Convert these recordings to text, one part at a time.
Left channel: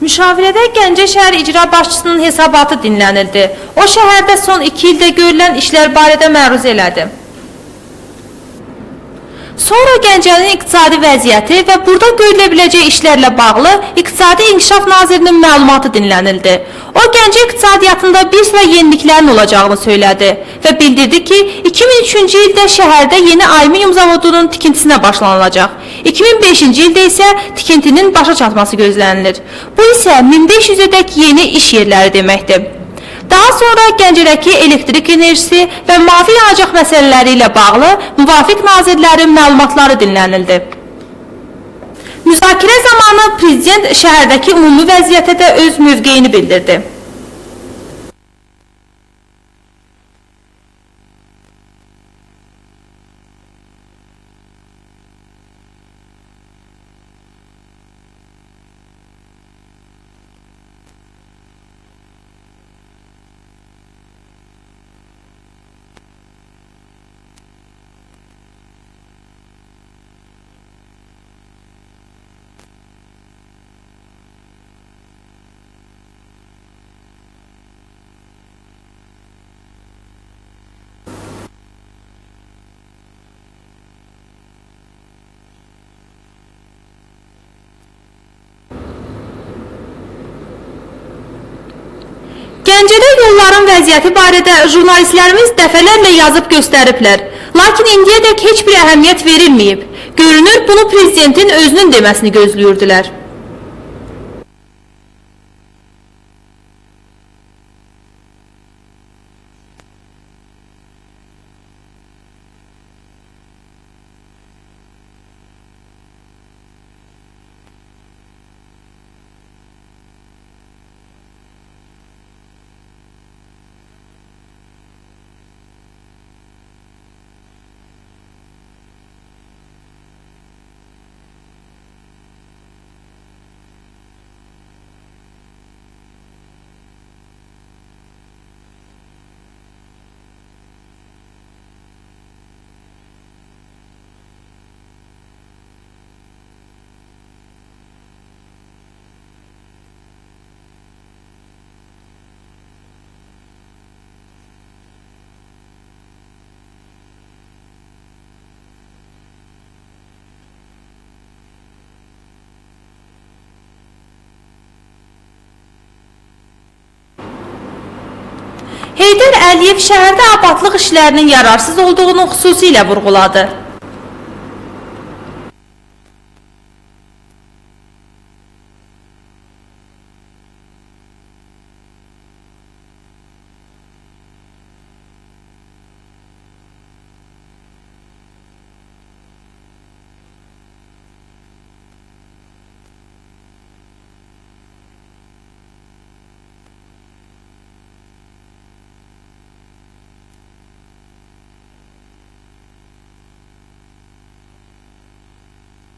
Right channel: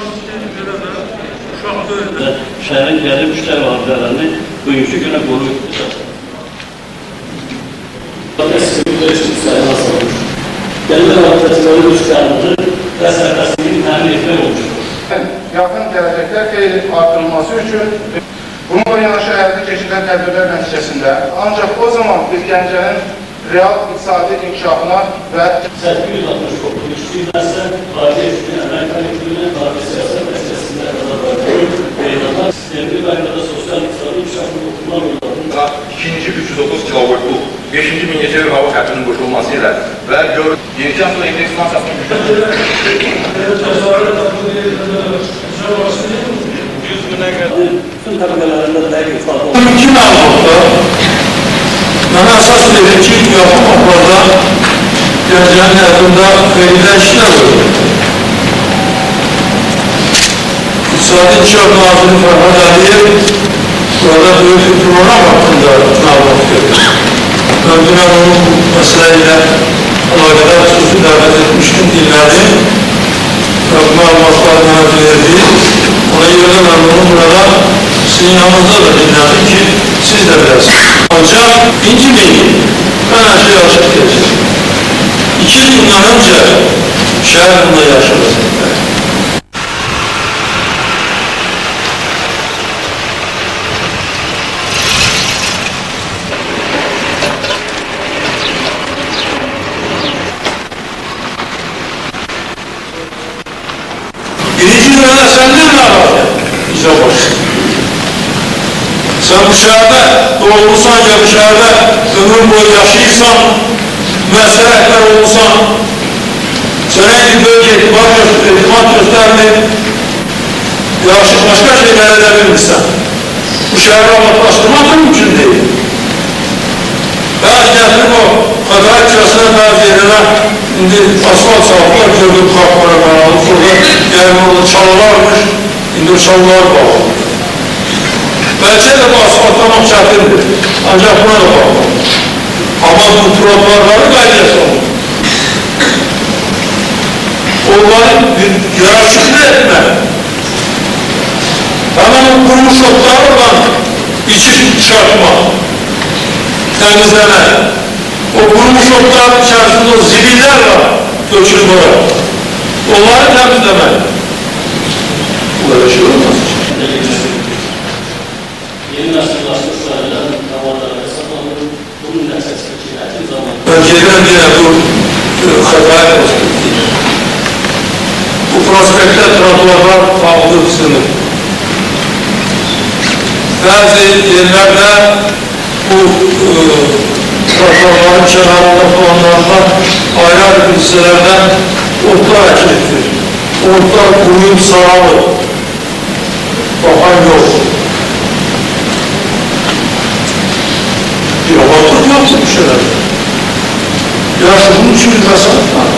Müşavirədə Gəncə şəhər icra başçısının hesabatı dinlənildi. O şəhərdə son 2 ildə görülən işlər barədə məruz elədi. Sonra Gəncənin iqtisadi vəziyyəti və burada görülə biləcək işlərlə bağlı İqtisadi İnkişaf Nazirinin məlumatı dinlənildi. O Gəncə iqtisadiyyatında bir sıra yeniliklərin olacağını söylədi və bildirdi ki, 2003-cü ildə şəhərdə yeni alüminium zavodunun tikintisinə başlanılacaq. 2005-ci ildə isə tikintinin başa çatması gözlənilir. Bu isə 1500-dək yeni iş yerləri deməkdir. Daha sonra Gəncədəki elektrik enerjisi və mavi yanacaq məsələləri ilə bağlı müvafiq nazirlərin məlumatları dinlənildi. Müzakirə zamanı Prezident şəhərdəki ümumi vəziyyətə də öz mövqeyini bildirdi. İki məlumatda mənə əsas verir ki, yaxın vaxtlarda Gəncənin həyatında verilən işlər olur. İqtisadi İnkişaf Naziri Fərhad Əliyev burada böyük bir program haqqında məlumat verdi. Mən dünən onun bu məsələ ilə əlaqədar xüsusi dəvət etmişdim, dinlədim və bu məlumatları mənə verdi. Ona görə mən bunu burada sizin yanınızda da dinlədim ki, siz də biləsiniz. Ancaq incimeyin, mən hər şey açıq edəcəm. 2 il bundan öncə şəhər bunda yaşadı. Gəncədə yolların vəziyyəti barədə jurnalistlərimiz dəfələrlə yazıb göstəriblər. Lakin indiyədək heç bir əhəmiyyət verilməyib. Görünür, bunu Prezidentin özünün deməsini gözləyirdilər. Birinci növədə səndən nə var? Bizə başlasın. Sən bu şəhərdə doğulursan ya bu şəhərdə ömür boyu yaşayırsan, müəssərə rəhbər olursan, sənə bir bölge etimat göstərmir, yaxşı başqa şeylər edə bilmirsən. Bu şəhəri abadlaşdırmaq mümkün deyil. Bəzi gətirib o Xətai küçəsinə bəzi yerlərə indi asfalt salıqlar gördüm xalqlara bağlı. Sonra yəni orada çalılarmış, indi o çalılar bağlı. Bəlkə də bu asfaltlamaq çətindir. Ancaq buna da bağlı. Amma bu trotuarları qaydaya salır. Onları yaraşıqlı etmək. Hemen o kurumuş otlar olan içi çıkartmak, temizlemek. O kurumuş otların içerisinde o zibiller var, dökülmeler. Onları temizlemek. Böyle şey olmaz. Heydər Əliyev şəhərdə abadlıq işlərinin yararsız olduğunu xüsusilə vurğuladı. Önceden diye bu Xətai prospekti. Bu prospekte trotuarlar bağlı sınır. Bazı yerlerde bu trotuarların kenarında falanlardan ayrı hissələrdən otlar əkildir. Otlar kuruyup saralır. Bakan yok. Bir abadlık yoksa bu şeyler. Yaşı bunun için bir mesafe var.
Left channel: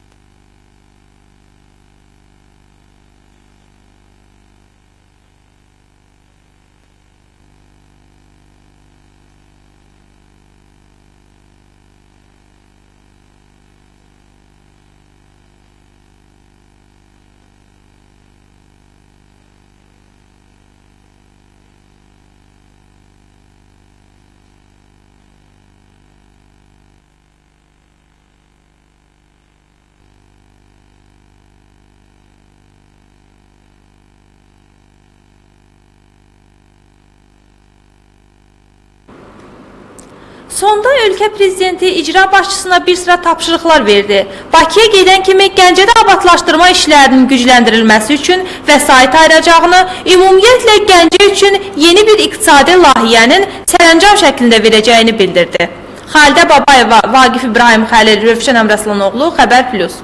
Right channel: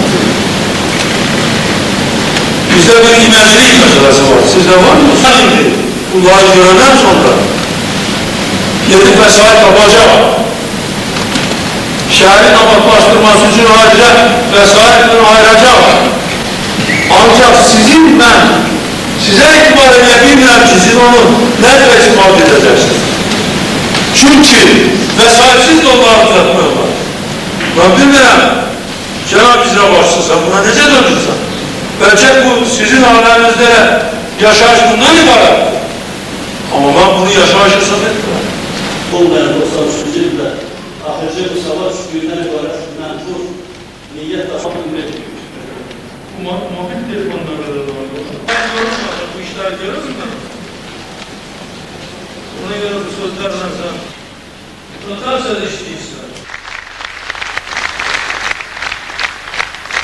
Bizde bir imecilik meselesi var. Sizde var mı? Bunları görenden sonra yedek vesayet yapacak. Şehrin abadlaştırması için ayrıca vesayetini ayıracak. Ancak sizin ben size itibar edebilmem ki siz onu nerede ispat edeceksiniz? Çünkü vesayetsiz yolları düzeltmiyorlar. Ben bilmirəm, Cenab-ı İzra başçısı sen buna nece döndürsen? Belki bu sizin ailenizde yaşayış bundan ibaret. Ama ben bunu yaşayış hesap etmiyorum. Sonda ölkə prezidenti icra başçısına bir sıra tapşırıqlar verdi. Bakıya gedən kimi Gəncədə abadlaşdırma işlərinin gücləndirilməsi üçün vəsait ayıracağını, ümumiyyətlə Gəncə üçün yeni bir iqtisadi layihənin sərəncam şəklində verəcəyini bildirdi. Xalidə Babayeva, Vaqif İbrahim Xəlil, Rövşən Əmrəslan oğlu, Xəbər Plus.